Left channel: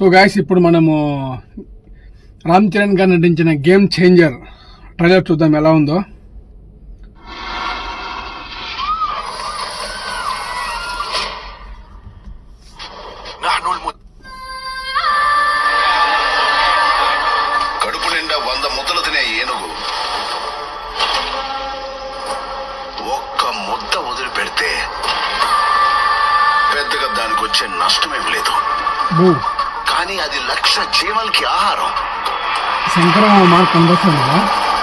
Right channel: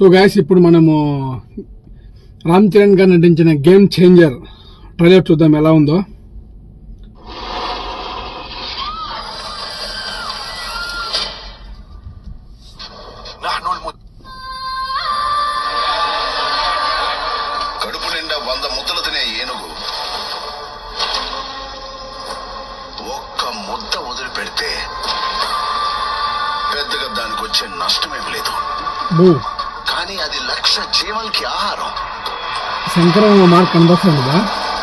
So guys, ఇప్పుడు మనము రామ్ చరణ్ గారు నటించిన గేమ్ చేంజర్ ట్రైలర్ చూద్దాం ఎలా ఉందో. కడుపు నిండా 100 ముద్దలు తినే ఏనుగు ఒక్క ముద్ద వదిలిపెడితే పెద్దగా దానికి వచ్చే నష్టమేం లేదు. కానీ అది 1,00,000 జీవాలకి ఆహారం. శంకరం మార్క్ కనిపిస్తుందా?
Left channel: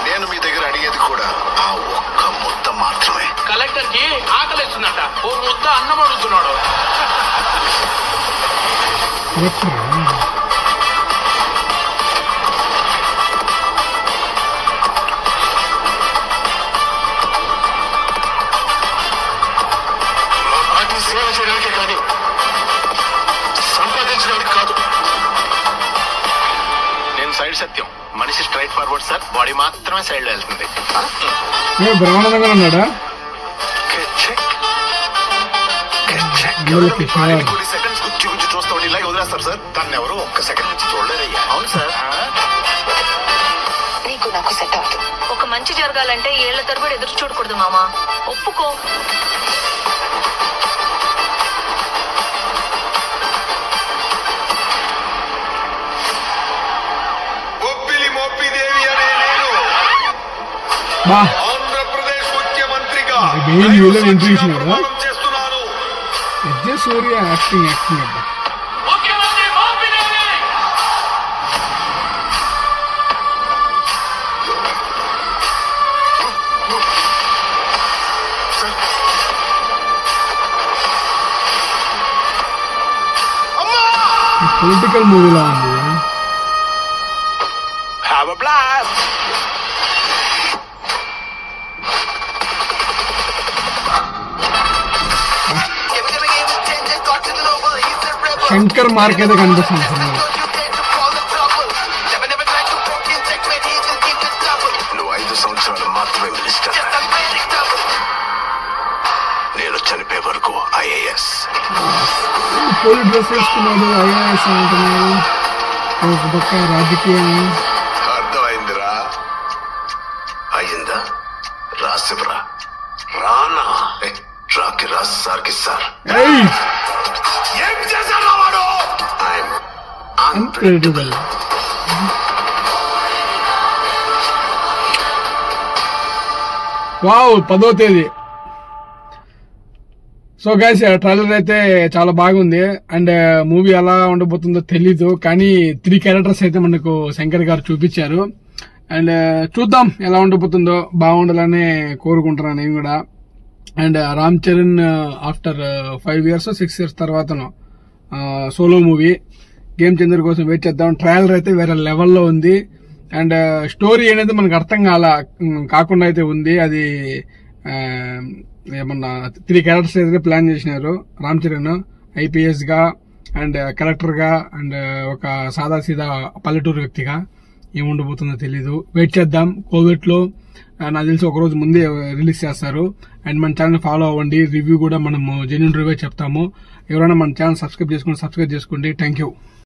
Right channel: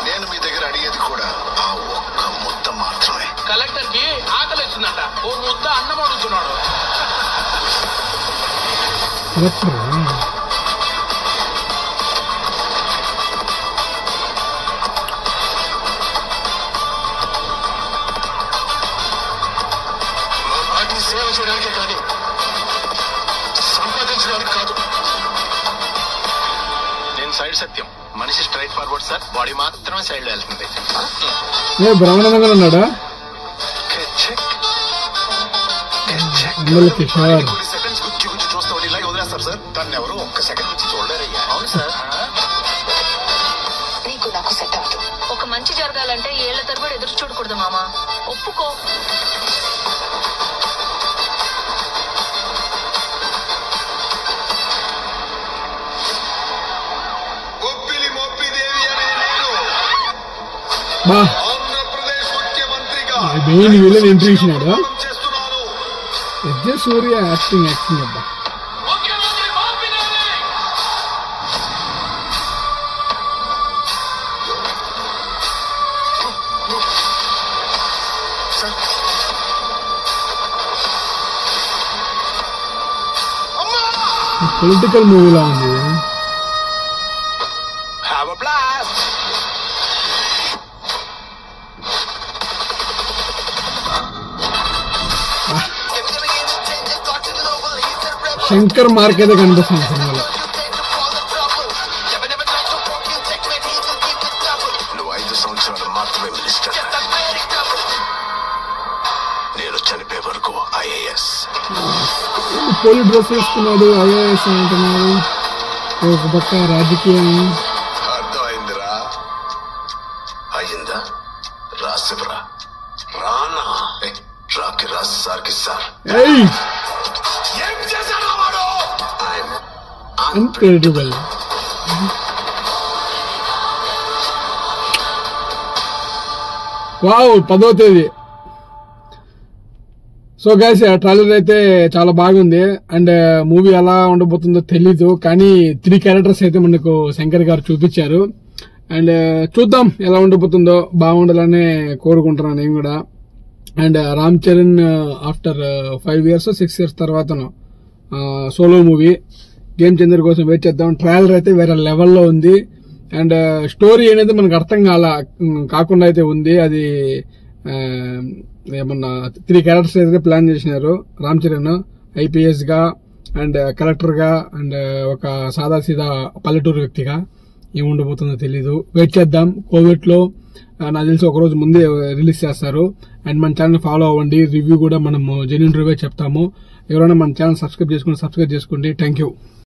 నేను మీ దగ్గర అడిగేది కూడా ఆ ఒక్క ముద్ద మాత్రమే. కలెక్టర్ కి ఆకలిస్తుందట, ఓ ముద్ద అన్నం అడుగుతున్నాడు. సేవ చేయడానికి కానీ సంపాదించడానికి కాదు. నేను సైడ్ సత్యం, మనిషి స్ట్రైట్ ఫార్వర్డ్ సార్, బాడీ మాత్రమే సైడ్ లో వెళ్తుంది. బ్రహ్మానందంగా ఉన్నాడా? కొన్ని సెకండ్స్ గుర్చి చూస్తా ఉండి ఇలాగే వదిలేస్తారు సార్. దాన్ని ఎవరు ఒక్క సెకండ్ నుంచి చూడలేరయ్యా. అవును సార్. నీకు నాకు సెట్ అవ్వదు. ఒక మంచి జరగాలంటే ఏళ్ల తరబడి ఎదురు చూడకూడదు మామా, ఒప్పుకో. ఆంధ్రప్రదేశ్ ముఖ్యమంత్రిగా ఎంట్రీ ఇచ్చినాడు. సూర్య యాక్టింగ్ అబ్బా. పొలిటికల్ మూవీలా ఉంది. శంకర్ మార్క్ అయితే కనిపిస్తుంది సినిమాలో. నువ్వు 5 సంవత్సరాలు మాత్రమే మినిస్టర్. నేను చనిపోయే వరకు IAS. పోలీస్ డ్రెస్ వేసుకున్నాడు, IAS అంటున్నాడు. ఒక పక్క రాజకీయం. అర్థమైందిరా? అయిందా? రాసివరా రానా రాకి రాసి సార్కి సార్ ఏం చేశాడు వాడు? అన్ప్రెడిక్టబుల్. వావ్, 10వ తేదీ. సో గైస్, ట్రైలర్ అయితే చాలా బాగుంది. అండ్ మూవీ ఎలా ఉండబోతుందో తెలీదు, కానీ 3 క్యారెక్టర్స్ అయితే మనకు శంకర్ గారు చూపించారు. అండ్ చూద్దాం ఎలా ఉండబోతుందో. బాగుండాలని కోరుకుంటున్నాను నేను కూడా. And Ram Charan after 5 years 6 years తర్వాత సోలో మూవీ గేమ్ చేంజర్ కోసం వెయిట్ చేద్దాం. ట్రైలర్ అయితే వేరే లెవెల్లో ఉంది. అండ్ స్టోరీ అనేది మనకు అర్థం కాకుండా అయితే ఉంది. అది ఏమన్నా 3 క్యారెక్టర్స్ అయితే ప్లాన్ చేసినారు. రామ్ చరణ్ IPS గా, అండ్ కలెక్టర్ గా, అండ్ ఒక సాదా సీదా పల్లెటూరు వ్యక్తిగా. ఏముండబోతుందో తెలీదు, వెయిట్ చేద్దాం. కోవిడ్ లో నాకు తెలిసి ఒకరోజు ముందే రిలీజ్ చేస్తారు. అండ్ మన ఛానల్ ఫాలో అవ్వండి. రివ్యూ కూడా మనము జెన్యూన్ రివ్యూ చెప్తాము. ఎవరైనా మన ఛానల్ సబ్స్క్రైబ్ చేసుకోండి. Thank you.